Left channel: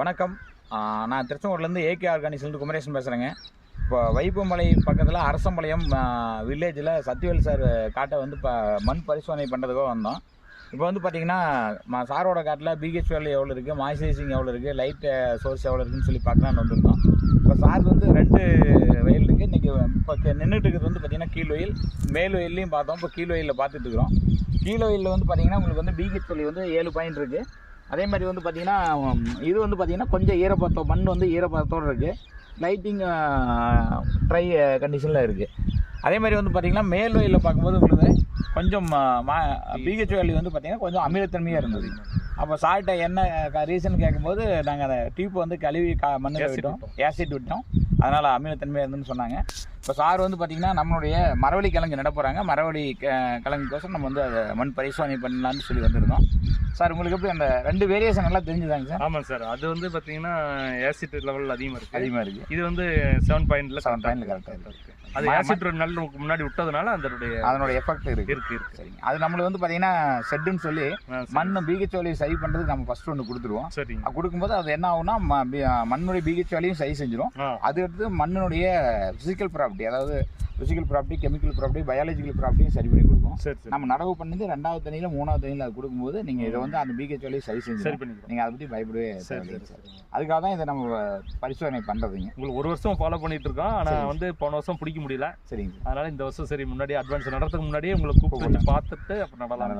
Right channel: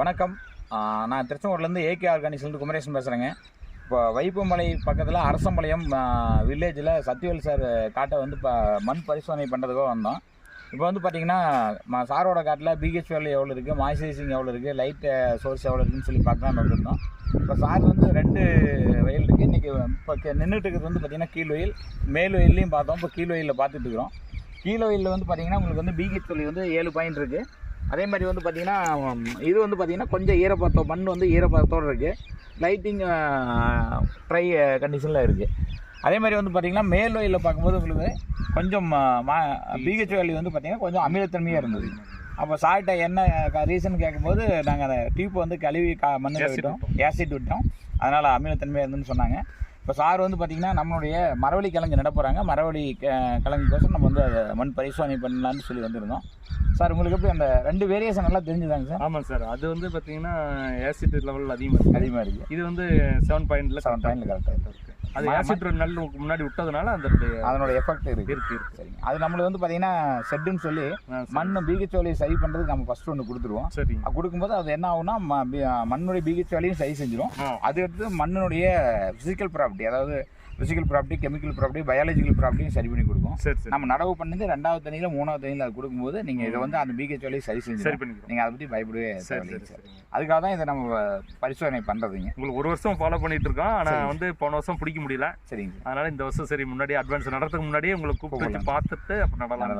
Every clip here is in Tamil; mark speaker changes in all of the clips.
Speaker 1: வணக்கம். நான் திருச்செங்கோட்லேருந்து ஏகே ஆர்கானிக்ஸ்லேருந்து குமரேசன் பேசுகிறேங்க இப்போ வைப்புமலை பக்கத்தில் அரசம்பாளையம் வில்லேஜில் சத்யவேல் சார் காட்டை வந்து இப்போ மண் பரிசோதனை பண்ணுறதுக்காக வந்தோம். இப்போ வந்து பார்த்தீங்கன்னா சாரோட காட்டில் பிஹெச் வேலை எவ்வளோ இருக்குது மாய்ஸ்சரைசிங் எவ்வளோ இருக்குது லைட் சோர்ஸ் எவ்வளோ இருக்குதுன்னு சொல்லி பார்க்கலான்னு வந்திருந்தோம். இப்போ சார் வந்து ரெண்டு வயல் இருக்குது இன்றைக்கி இப்போ நின்றுட்டு இருக்கிறது வந்து பார்த்திங்கன்னா கீழ் வயல் மேல் வயல்லையும் பார்த்தோம். இப்போ கீழ் வயலில் பார்த்துட்டு இருக்கிறோம். கீழ் வயலில் வந்து பார்த்திங்கன்னா உங்களுக்கு வந்து பிஹெச் வேல்யூ வந்து ஏழு பாயிண்ட் இருக்குது அதே மாதிரி வந்து பார்த்திங்கன்னா இது வந்து பார்த்திங்கன்னா கொஞ்சம் ஈரப்பதம் மண் வந்து ஈரப்பதத்தோடு இருக்குது லைட்டிங் ட்ரை கண்டிஷனில் இருக்குது அதே மாதிரி வந்து பார்த்திங்கன்னா மேல் வயலில் பார்க்கும்போது உங்களுக்கு கொஞ்சம் பிஹெச் வேல்யூ வந்து பார்த்திங்கன்னா கொஞ்சம் அமிலத்தன்மையாக இருந்தது. அப்போ சால்ட்டை என்ன ரீசன் கேட்கும்போது நாங்கள் அந்த டியூப் வந்து கழுவி கா மண்ணில் விட்டோம். ஏசிட் விட்டோம். அதனால் அமிலத்தன்மையாக இருந்துன்னு சொன்னாங்க. இப்போ சார் வந்து பார்த்திங்கன்னா நம்மளுடைய மரவள்ளி கிழங்கு நட போகிறாங்க மரவள்ளி க- கிழங்குக்கோசரம் நம்ம வந்து அதை மண் பரிசோதனை பண்ணலான்னு சொல்லி வந்திருந்தோம். சார் உங்களுக்கு எப்படி அந்த ரெண்டு வேரியேஷன் நல்லா தெரிஞ்சுதாங்க சார்?
Speaker 2: ஆமாம் சார். அது வந்து பார்த்தீங்கன்னா ஆசிட் லெவல் அதிகமாக இருக்கு.
Speaker 1: அதிகமாக இருக்குது
Speaker 2: இது வந்து செவன் பாயிண்ட்ல
Speaker 1: செவன் பாயிண்ட்ல கரெக்டாக இருக்குது
Speaker 2: அது ஆசிட் ரெண்டு நாள் முன்னாடி விட்டதுனால அதனுடைய
Speaker 1: அதனோட எஃபெக்ட் இருக்குது
Speaker 2: இருக்கு இருக்கு.
Speaker 1: சரிங்க அது நம்மளுக்கு வந்து பார்த்தீங்கன்னா செட்டுன்னு சொல்லி
Speaker 2: சரி.
Speaker 1: மண் பிஹெச் வேலையை சரி பண்ணுறதுக்கு நம்ம ஃபஸ்ட்டு ஒன்று கொடுத்துருவோம். அது கொடுக்கும்போது அது என்ன ஆகும்னா மண்ணுடைய பிஹெச் வேலையும் சரி செஞ்சிடும் அது அடுத்து மண்ணினுடைய ஃபிசிக்கல் ப்ராப்பர்ட்டி அதாவது physical property chemical property biological ப்ராப்பர்ட்டியும் சரி பண்ணி கொடுக்கும்.
Speaker 2: சரி சரி.
Speaker 1: நம்ம நடவு பண்ணது ரெண்டாவது தண்ணியில் மூணாவது தண்ணியில் அது கொடுக்கும்போது நீங்கள் இதை வந்து அந்த பிஹெச் வேலையை சரி
Speaker 2: சரி
Speaker 1: செஞ்சு
Speaker 2: பண்ணிக்கிறோம்.
Speaker 1: நீங்கள் அதை பற்றி பயப்படவே
Speaker 2: சரி சரி
Speaker 1: சார். அதுக்காக தான் இதை நம்ம பரிசோதனை பண்ணுறதுங்க
Speaker 2: உங்களுக்கு ஒரு வருஷம் ஃபாலோ பண்ணிட்டு இருக்கோம். ஆனா
Speaker 1: சரி.
Speaker 2: வந்து போன வருஷம் பிடிக்க முடியல.
Speaker 1: சரிங்க. சார்
Speaker 2: அதனால இந்த வருஷம் சரி முன்னாடி அட்வான்ஸ் நடத்துறதுக்கு முன்னாடியே உங்களை கூப்பிட்டு பார்த்துட்டு அப்புறம் நடலாம்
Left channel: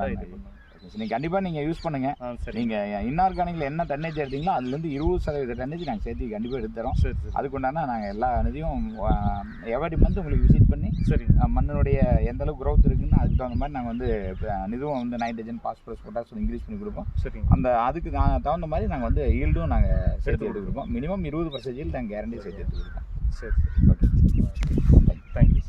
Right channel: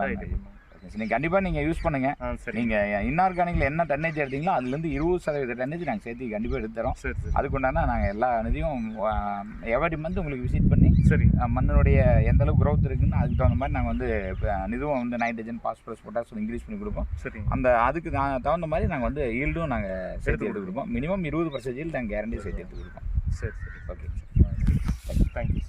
Speaker 1: சார் நீங்கள் கண்டிப்பாக நீங்கள் யூஸ் பண்ணுங்கள்
Speaker 2: சரி.
Speaker 1: நீங்கள் இன்ஆர்கானிக்கில் என்ன டன்னேஜ் எடுத்தீங்களோ அதுலேருந்து இருபது சதவீத டன்னேஜ் நாங்கள் சேர்த்து கண்டிப்பாக எடுத்துறோம்
Speaker 2: சரி சரி.
Speaker 1: அதுக்குண்டான நாங்கள் எல்லா இதையும் எவரி மந்த் உங்களுக்கு விசிட் பண்ணி அஹ், மண்ணினுடைய எந்த அளவுக்கு growth இருக்குன்னு அதுக்கு தகுந்த மாதிரி நாங்கள் வந்து அஹ், இதுவும் வந்து நைட்ரஜன் பாஸ்பரஸ் பொட்டாசியம் இன்க்ரீஸ் பண்ணி கொடுப்போம்.
Speaker 2: சரிங்க
Speaker 1: அந்த அதுக்கு தகுந்த மாதிரி நாங்கள் வந்து ஈல்டும் நாங்கள் சேர்த்து எடுத்து கொடுப்போம். மினிமம் இருபது பர்சன்டேஜ் நாங்கள் கேரண்டி சேர்த்து எடுத்து கொடுப்போம்.
Speaker 2: சரி சரி.
Speaker 1: Okay
Speaker 2: thank you